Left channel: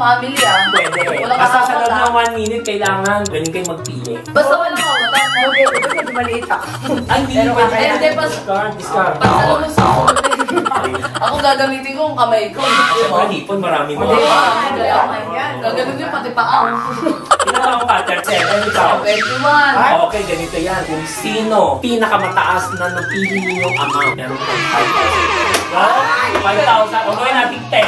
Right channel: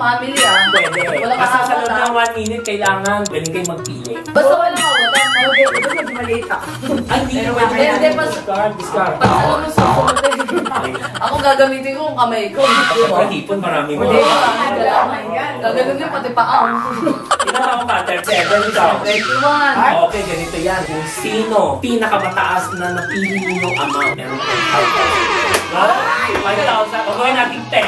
family ah. Pwede. Basta sa loob ng 1 minute, kailangan galing kayo magpili. Basta wala ako. Medyo maliit ako. Pero kaya. Hindi, Discard. alam mo sa ako gagamitin ko ang kamay ko. Hipon, marami mo. Gagawin niyo pati paa. Ilang ako pattern? 7 ikaw. 21. Okay, ganito yan. Yung sino pinakamataas na napili yung amount. Meron po 5,000. 1,000. O gawin natin 10.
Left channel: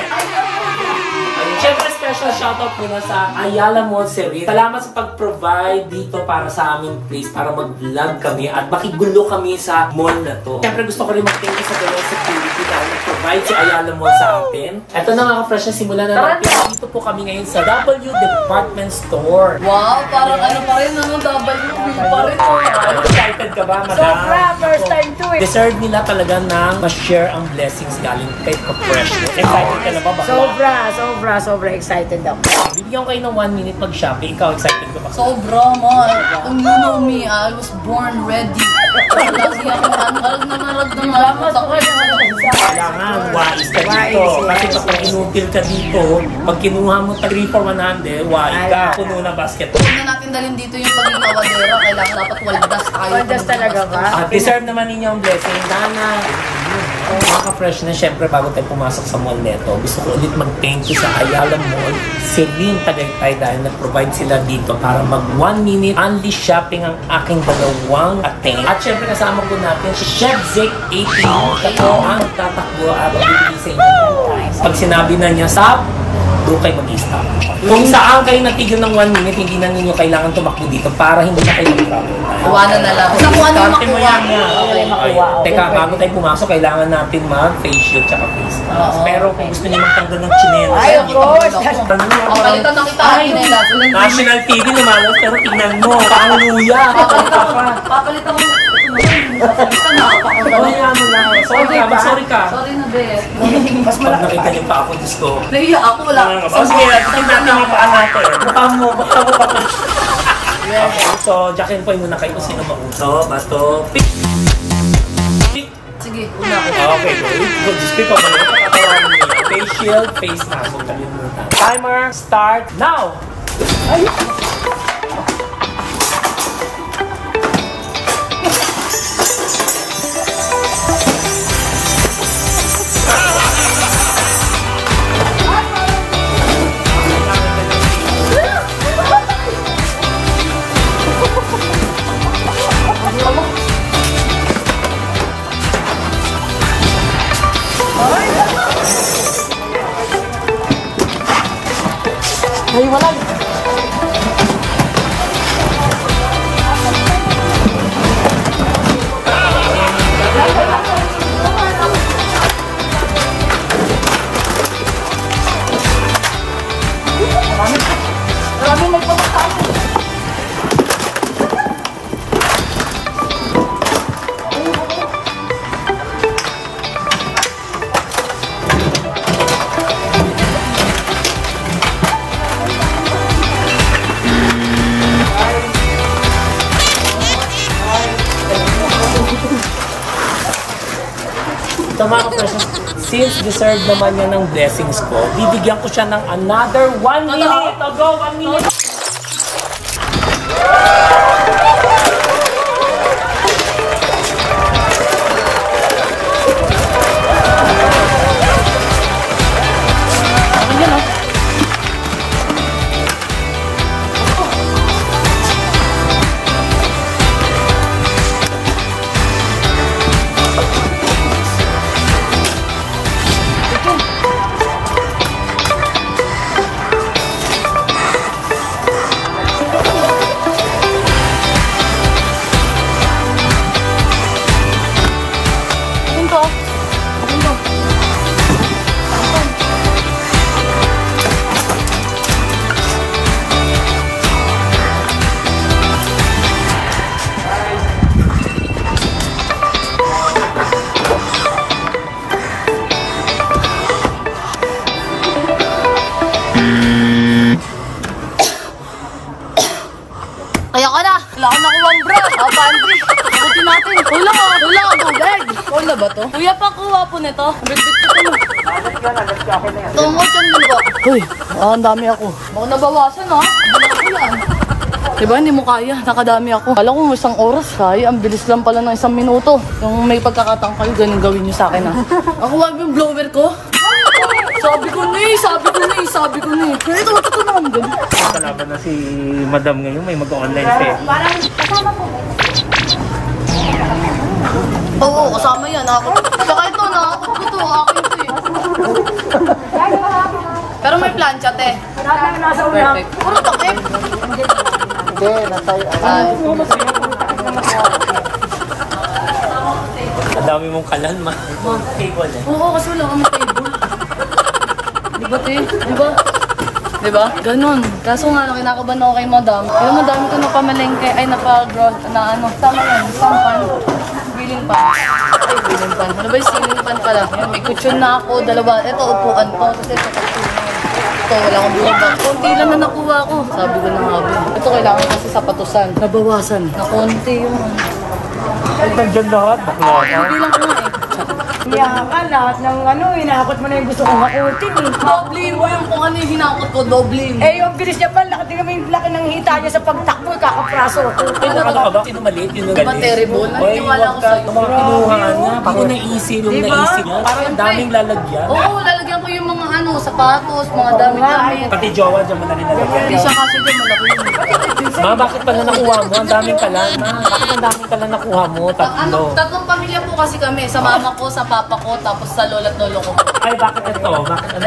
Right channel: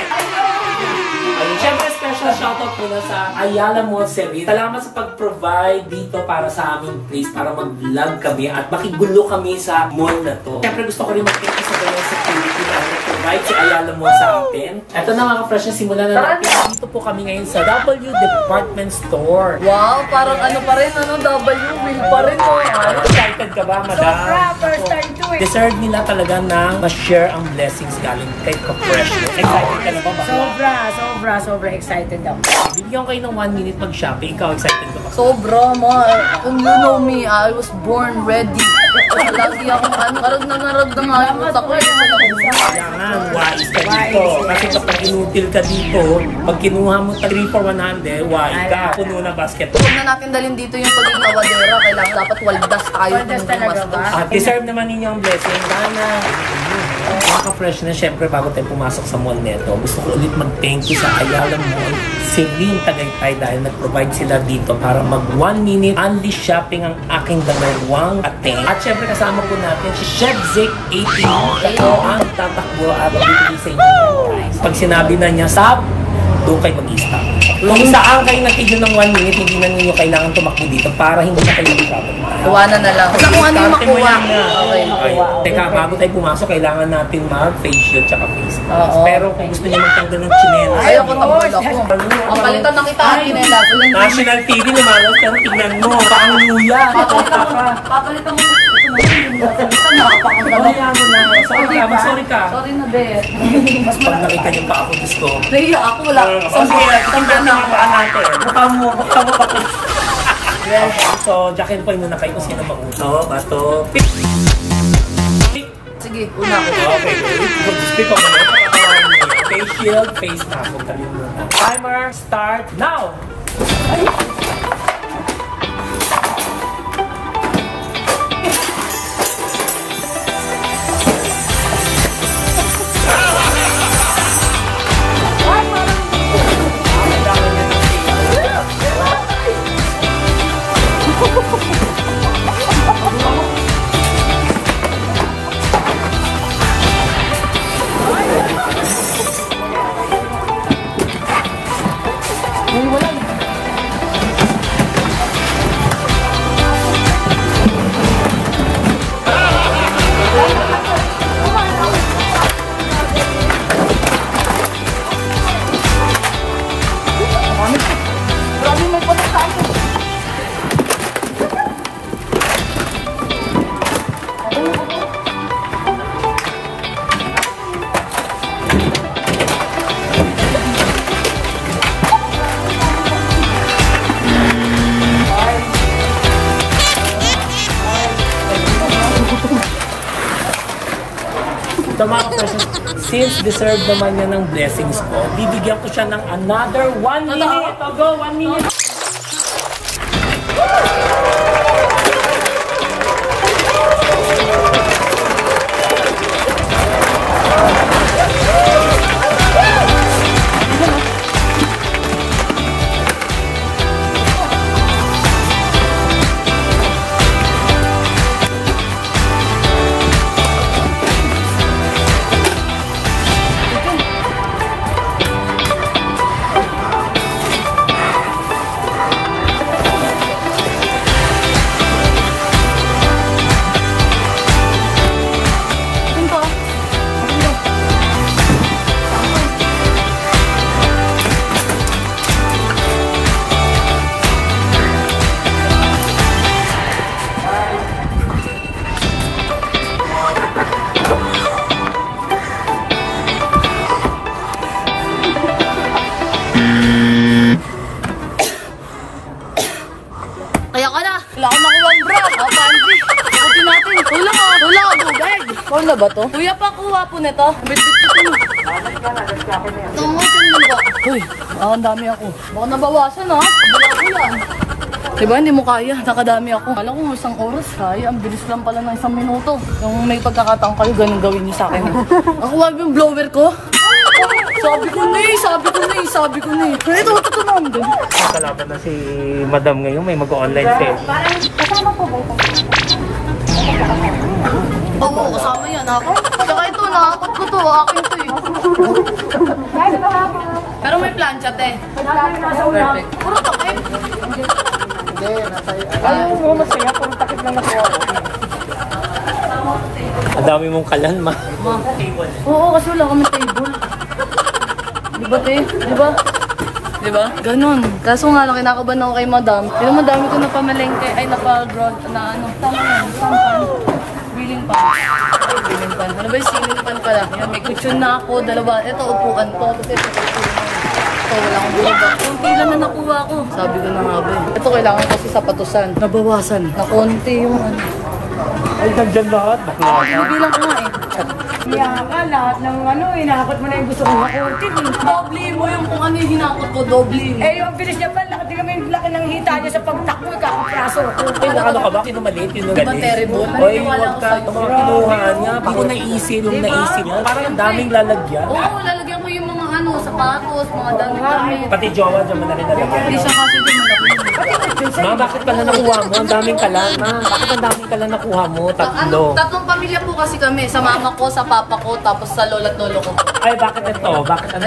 Siyempre, special shoutout muna sa Ayala Mall Service. Salamat sa pag-provide dito para sa aming place, para mag-vlog kami at makigulo kami sa mall na to. Siyempre, gusto ko rin mag-thank you sa ganyan security na nag-provide si Ayala Mall sa atin. Ito na nga ka-fresh na simulan na natin. Dito po kami ngayon sa W Department Store. Wow, parang ano pa rin, ano, W pa rin. Excited ka ba, madam? Sobra, first time to it. Deserve nila talaga ng ma-share ang blessings galing kay ka-fresh. Excited ka na ba? Sobra excited ako. Bibigyan ko kayo ng 1 minute mag-shopping. Ikaw, excited ka ba? Sobra, ma. Kung you know me, I was born ready. Lagi ako narag na ako. Kailangan, wais ka dito. Kasi kapag inutil ka dito, pag kinuha mo 3 for 100, wais ka. Puno na basket. Huwag na natin dalhin dito yung pagiging awadera. Kailangan dapat waldas tayo. At deserve naman ninyo ang blessing. Dana, mga ka-fresh na, syempre bago tayo pumasok sa mall neto, gusto ko ulit mag-thank you sa Ayala Mall, Celine Tagaytay, dahil nag-provide sila dito para mag 1 minute only shopping ang aking dalawang ating. At syempre kasama po natin si Chef Zeke 18. Siya po ang tatakbo at bibigay sa inyo. Pag sinabi na niya, stop, doon kayo mag-stop. Kung saan kayo natigil ng 1 minute, hindi na ninyo kailangan tumakbo dito para hindi na kayo mag-problem. Iwanan na lang. Kung ano yung makuha. Okay. Teka, bago tayo pumasok, kailangan natin mag-face shield tsaka face mask. Pero kung gusto niyo magtanggal ng chinela, ay, ako palitan na kita ang chinela. National TV lumalas, pero tingnan mo, paang luya. Papalitan mo. Sorry ka. Sorry na, Bet. Mas pag nakita niyo pa ako, Diyos ko. Nahiya ako, wala. Sige, tingnan natin yung paa natin. Baka mo pa. So, jackin po muna kayo kung sino makuso. Bato. Pick! Sige, una ako. Okay, good. Speak up muna. Face shield, face mask. Timer, start now! Ay, wala. Marami may pagkakaan. So mga ka-person, since deserve naman niya ng blessings ko, bibigyan ko siya ng another 1 minute. O go, 1 minute. Kaya ka na. Kailangan na kuha ang bra. Pandi. Sagutin natin. Hula. Bugag. Hula ba to? Kuya, pakuha po nito. Bit-bit ko na. Tungkol yan mo ba? Uy. Ang dami ako. Baka nabawasan ha. Diba, hindi mo kaya. Nakadami ako. Kala ko isang oras. Kaya, ang bilis lang pala ng 1 minuto. Yung may pagkakataon kayo, ganun gawin niyo sa akin ha. Ako wag yung blower ko. Sabi ko na eh. Ito naman din. Kalaban na si Madam ngayon, may mag-online sale. Oo, kasama yan. Saka ito, nakakot ko to. Akin to eh. Pero may plancha, te. Perfect. Ano takip? Ayaw mo masaya kung takip lang ako. Ang dami mong kalan, ma. Oo, kasi wala kami table. Diba, te? Diba? Ganon. Kaso nga, kinakabahan ako kay madam. Pero madami ko napamalengke. Ay, sampan. Wheeling pan. Ay, wheeling pan. Ano ba yung ceiling pan pala? May cushion na ako, dalawa. Ito, upuan to. Tapos ito, wala akong bulabak. Konti naman nakuha ko. Sabi ko na nga ba. Ito kailangan kasi sapatusan. Nabawasan. Na konti yung Ay, nagdan lahat. Bakla. Hindi lang ko nga eh. Kaya ka, lahat ng inakot mo na yung gusto kong hakutin eh. Doble mo yung kung ano yung hinakot ko. Doble mo. Eh, yung bilis niya pa, laki naman yung laki ng hita niya sa pagtakbo, kakapraso ako. Ano ka ba? Sino maliit? Sino Diba galit? terrible? Oy, Naniwala huwag ko ka. sa'yo. Yung mga kinuhaan niya. Hindi ko naisip yung naisip niya. Parang ang daming lalagyan. Oo, lalagyan ko yung mga sapatos, mga dami-dami. Pati jowa dyan mo na rin lalagyan. Hindi siya kasi dyan malaki yun. Ma, bakit pala nakuha mo? Ang daming kalan, ma. Bakit ang daming kalan nakuha mo? Tatlo. Tatlong pamilya po kasi kami. Sa mama ko, sa papa ko, tapos sa lolo at lolo ko. Ay, bakit ito? Bakit ano?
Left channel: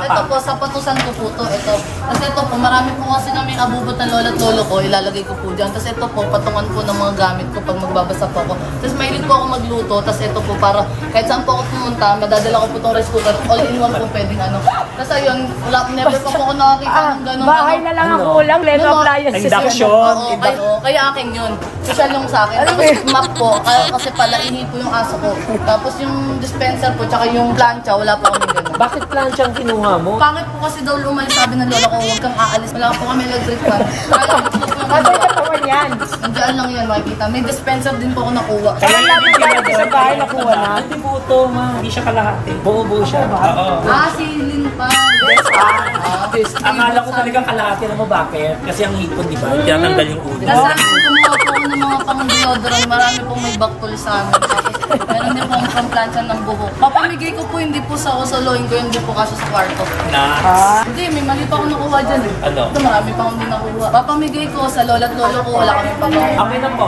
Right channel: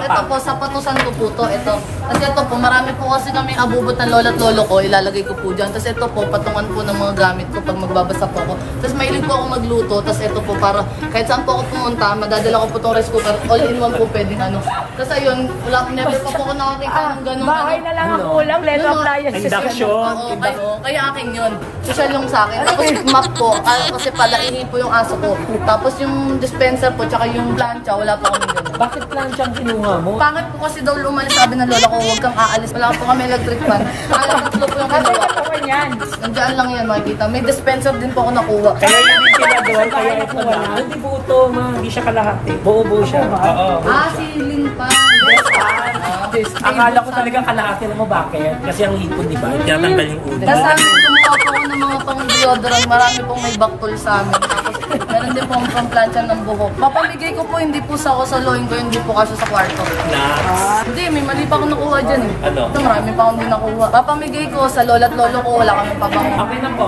Ito po, sapatusan ko po to. Ito. Kasi ito po, marami po kasi kami abubot ng lolo at lolo ko. Ilalagay ko po dyan. Tapos ito po, patungan po ng mga gamit ko pag magbabasa po ako. Tapos mahilig po ako magluto. Tapos ito po, para kahit saan po ako pumunta, madadala ko po tong rice cooker. All-in-one po pwedeng ano. Tapos ayun, never pa po ako nakakita ng ganun. Bahay na lang ang kulang, letter appliances. Induction. Kaya akin yun. Social yung sa akin. Tapos map po, kasi palaihi po yung aso ko. Tapos yung dispenser po, tsaka yung plancha, wala pa kami ganun. Bakit plancha ang kinuha mo? Pangit po kasi daw lumalis, sabi ng lola ko, huwag kang aalis. Wala po kami electric fan. Kaya ito po yung kinuha. Yan. Nandiyan lang yan, makikita. May dispenser din po ako nakuha. Kaya yung pinador, kaya nakuha na. Hindi buto, ma. Hindi siya kalahati. Buo-buo siya. Oo. Ceiling fan. Akala ko talaga kalahati. Alam mo bakit? Kasi ang hipon, di ba? Tinatanggal yung ulo. Kasi kumuha po ako ng mga pang deodorant. Marami pong may baktol sa amin. Tapos meron din po ang pang-plancha ng buhok. Papamigay ko po, hindi po sa ako sa loin ko, hindi po kaso sa kwarto. Hindi, may mali pa ako nakuha dyan eh. Ano? Ito, marami pa akong di nakuha. Papamigay ko sa lola at lolo ko, wala kami pabango. Okay na po.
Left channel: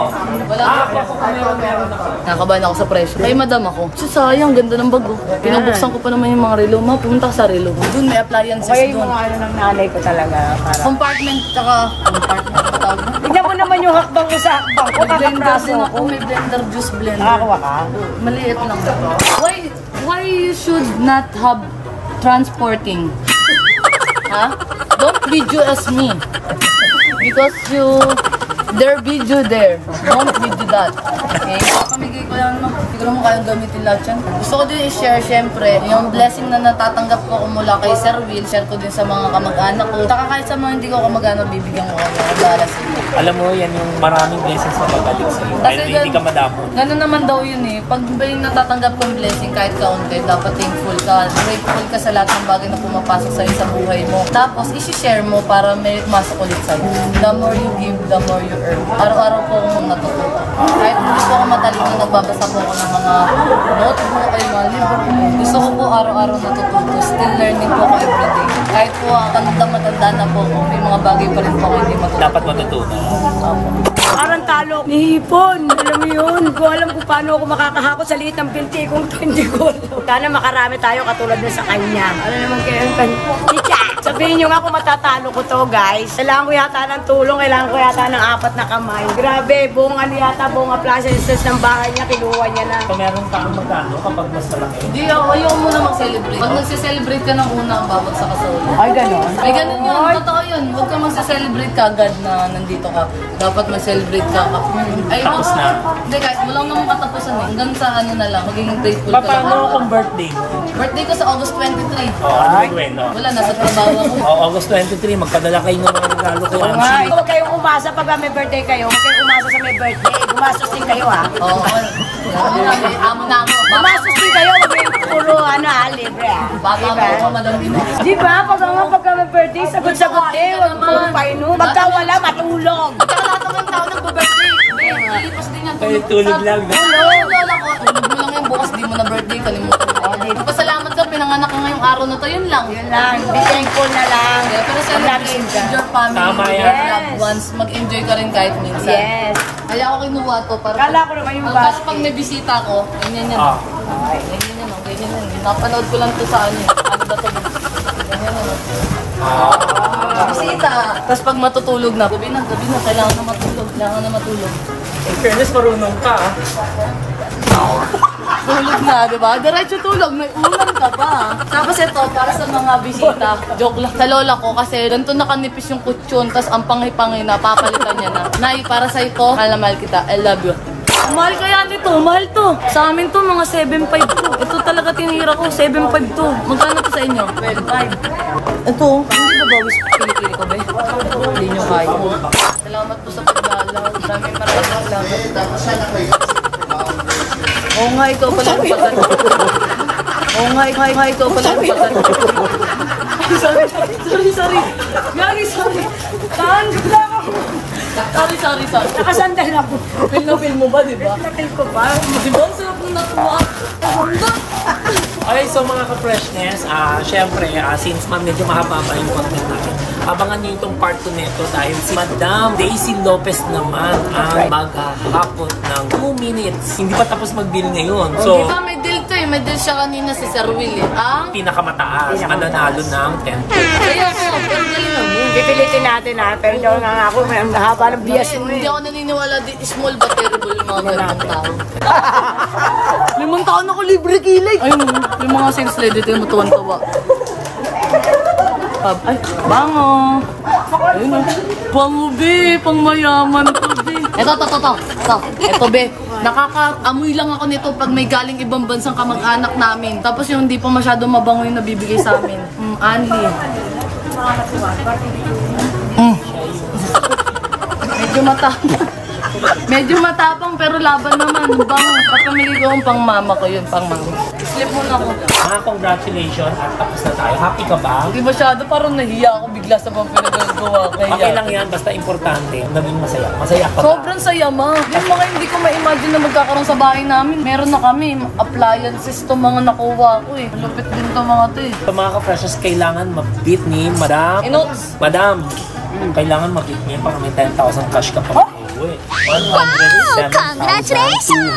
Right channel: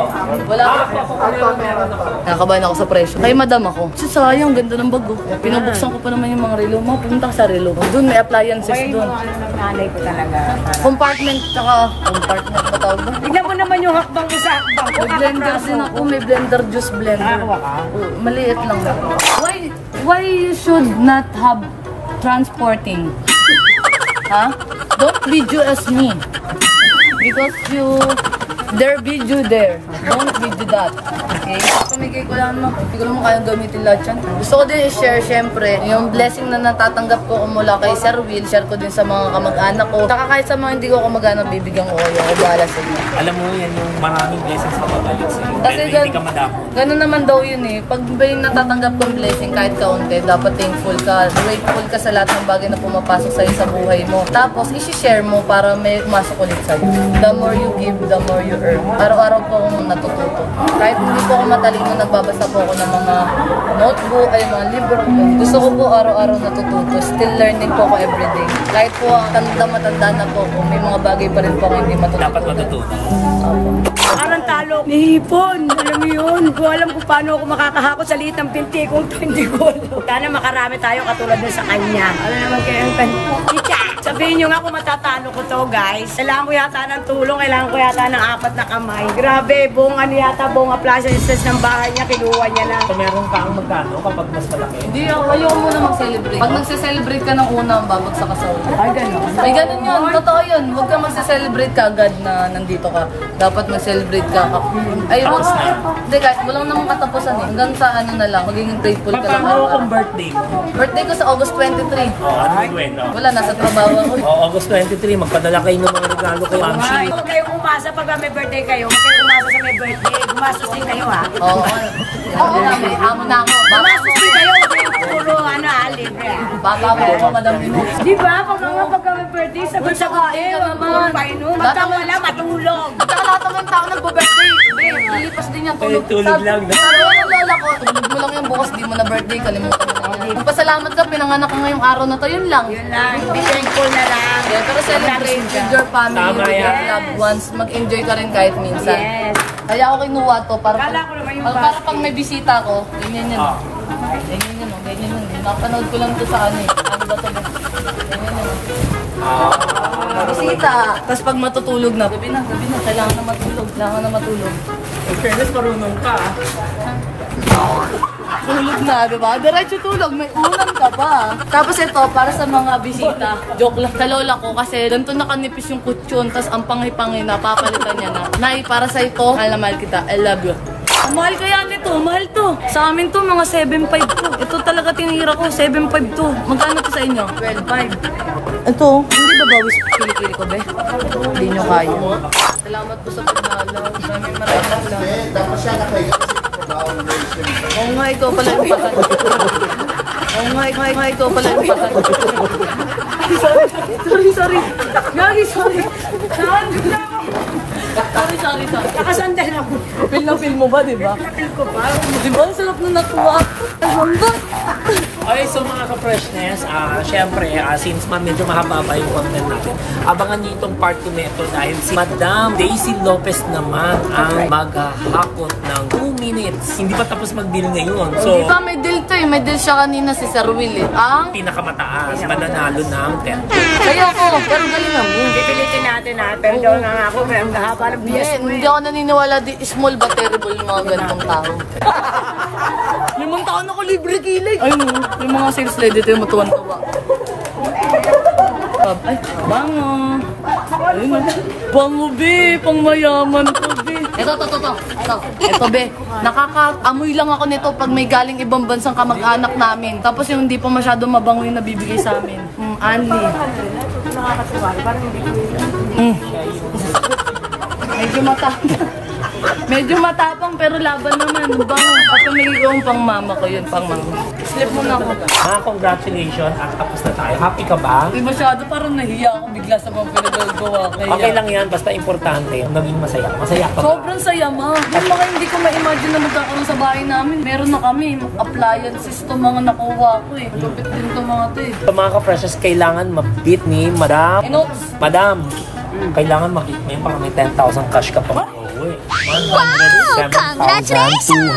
Wala Ako meron na po. Nakabahan ako sa presyo. Kay madam ako. Sayang, ganda ng bago. Pinubuksan ko pa naman yung mga relo. Pumunta ka sa relo. Doon may appliances Kaya doon. yung ano ng nanay ko talaga. Compartment, tsaka compartment pa tawag mo. Tignan mo naman yung hakbang ko sa hakbang. May blender din ako. May blender, juice blender. Nakakuha ka? Maliit lang. Why you should not have transporting? Ha? Don't video as me. Because their video there. Don't video that. Okay? Pamigay ko lang naman. Hindi ko naman kayang gamitin lahat yan. Gusto ko din i-share syempre yung blessing na natatanggap ko mula kay Sir Will. Share ko din sa mga kamag-anak ko. Saka kahit sa mga hindi ko kamag-anak, bibigyan ko kayo. Ako bahala sa inyo. Alam mo, yan yung maraming blessings na pabalik sa'yo. Kasi Dahil hindi ka madamo. ganun naman daw yun eh. Pag may natatanggap kang blessing kahit kaunti, dapat thankful ka. Grateful ka sa lahat ng bagay na pumapasok sa'yo sa buhay mo. Tapos, isi-share mo para may masok ulit sa'yo. The more you give, the more you earn. Araw-araw po akong natututo. Kahit hindi po ako matalino, nagbabasa po ako ng mga notebook, ay mga libro. Gusto ko po araw-araw natututo. Still learning po ako everyday. Kahit po matanda na po ako, may mga bagay pa rin po ako hindi matututo. Dapat matutunan. Opo. Parang talo. Nihipon. Alam mo yun. Hindi ko alam kung paano ako makakahakot sa liit ng pinti kung ito hindi ko alam. Sana makarami tayo katulad nun sa kanya. Ano naman kayo ang Tita, sabihin nyo nga kung matatalo ko to, guys. Kailangan ko yata ng tulong. Kailangan ko yata ng 4 na kamay. Grabe, buong ano yata, buong appliances ng bahay niya, kinuha niya na. Kung meron kang magkano kapag mas malaki. Hindi, ayoko muna mag-celebrate. Pag nagse-celebrate ka ng una, babagsak ka sa ulo. Ay, ganun. Ay, ganun yun. Totoo yun. Huwag ka magse-celebrate ka agad na nandito ka. Dapat mag-celebrate ka. Ay, Tapos na. Hindi, kahit walang namang katapusan eh. Hanggang sa ano na lang, magiging grateful ka lang. Paano kung birthday mo? Birthday ko sa August 23. Ano may kwento? Wala, nasa trabaho ako. August 23, magpadala kayo ng mga regalo kay Amshi. Huwag kayong umasa pag may birthday kayo. Huwag kayong umasa sa may birthday. Gumastos din kayo, ha? Oo, may amo na ako. Gumastos din kayo. Huwag kayong puro, libre ah. Bata mo ako, Madam Ino. Di ba? Pag may birthday, sagot-sagot eh. Huwag mo painom. Magkawala, matulog. Saka lahat naman tao nagbo-birthday. Ilipas din yan. Ay, tulog lang. Lola ko, tulog mo lang yan bukas, di mo na birthday, kalimutan mo na yan. Pasalamat ka, pinanganak ka ngayong araw na to, yun lang. Yun lang. Be thankful na lang. Pero celebrate with your family, Tama with yan. your loved ones, mag-enjoy ka rin kahit minsan. Yes. Kaya ako kinuha to, para Akala ko naman yung para basket. pag may bisita ko, ganyan yan. Ah. Ganyan yan, ganyan yan. Napanood ko lang to sa ano, ano ba to? Ganyan yan. Bisita. Tapos pag matutulog na, gabi na, kailangan na matulog. In fairness, marunong ka. Tulog na, di ba? Diretso tulog, may ulam ka pa. Tapos ito, para sa mga bisita, joke lang. Sa lola ko, kasi ganito nakanipis yung kutsyon, tapos ang pangi-pangi na, papalitan niya na. Nay, para sa ito, mahal na mahal kita. I love you. Ang mahal kaya nito, mahal to. Sa amin to, mga 7.5 to. Ito talaga tinira ko, 7.5 to. Magkano to sa inyo? 12.5. Ito, hindi ba bawis kilikili ko, be? Hindi nyo kaya. Salamat po sa pagdalaw. Maraming salamat. Oo nga, ikaw pala yung patat. Oo nga, ikaw pala yung patat. Ay, sorry. Gagi, sorry. Saan? Sorry. Nakasandal ako. Feel mo ba, di ba? Nakil ko pa. Di ba? Ang sarap nung natuwa. Okay, so mga ka-freshness, syempre, since medyo mahaba yung content natin, abangan nyo itong part 2 neto dahil si Madam Daisy Lopez naman ang maghahakot ng 2 minutes. Hindi pa tapos mag-deal ngayon. So, Di ba may deal to eh? May deal siya kanina si Sir Will eh. Ang pinakamataas, mananalo ng 10. kaya ko, pero galing lang yun. Kikilitin natin ha. Pero daw na ako. Ang haba ng bias mo. Hindi ako naniniwala di small but terrible yung mga ganitong tao. 5 taon ako libre kilay. Ay, yung mga sales lady ito yung matuwan-tuwa. Ay, bango. Ayun o. Bango, be. Pang mayaman to, be. Ito. Ito, be. Nakaka-amoy lang ako nito pag may galing ibang bansang kamag-anak namin. Tapos yung hindi pa masyado mabango yung nabibigay sa amin. Anli. Medyo matapang pero laban naman. Bango. At pamili ko yung pang mama ko yun, pang mama. Slip mo na ako. Congratulations at tapos na tayo. Happy ka ba? Hindi masyado, parang nahiya ako bigla sa mga pinagagawa. Okay lang yan, basta importante, naging masaya. Masaya ka ba? Sobrang saya, ma. Yung mga hindi ko ma-imagine na magkakaroon sa bahay namin. Meron na kami, appliances to mga nakuha ko eh. Lupit din to mga to eh. So mga ka-freshness, kailangan mabit ni Madam. Inox. Madam, kailangan mag-hit mo yun para may 10,000 cash ka pa mag-uwi. Wow! Congratulations!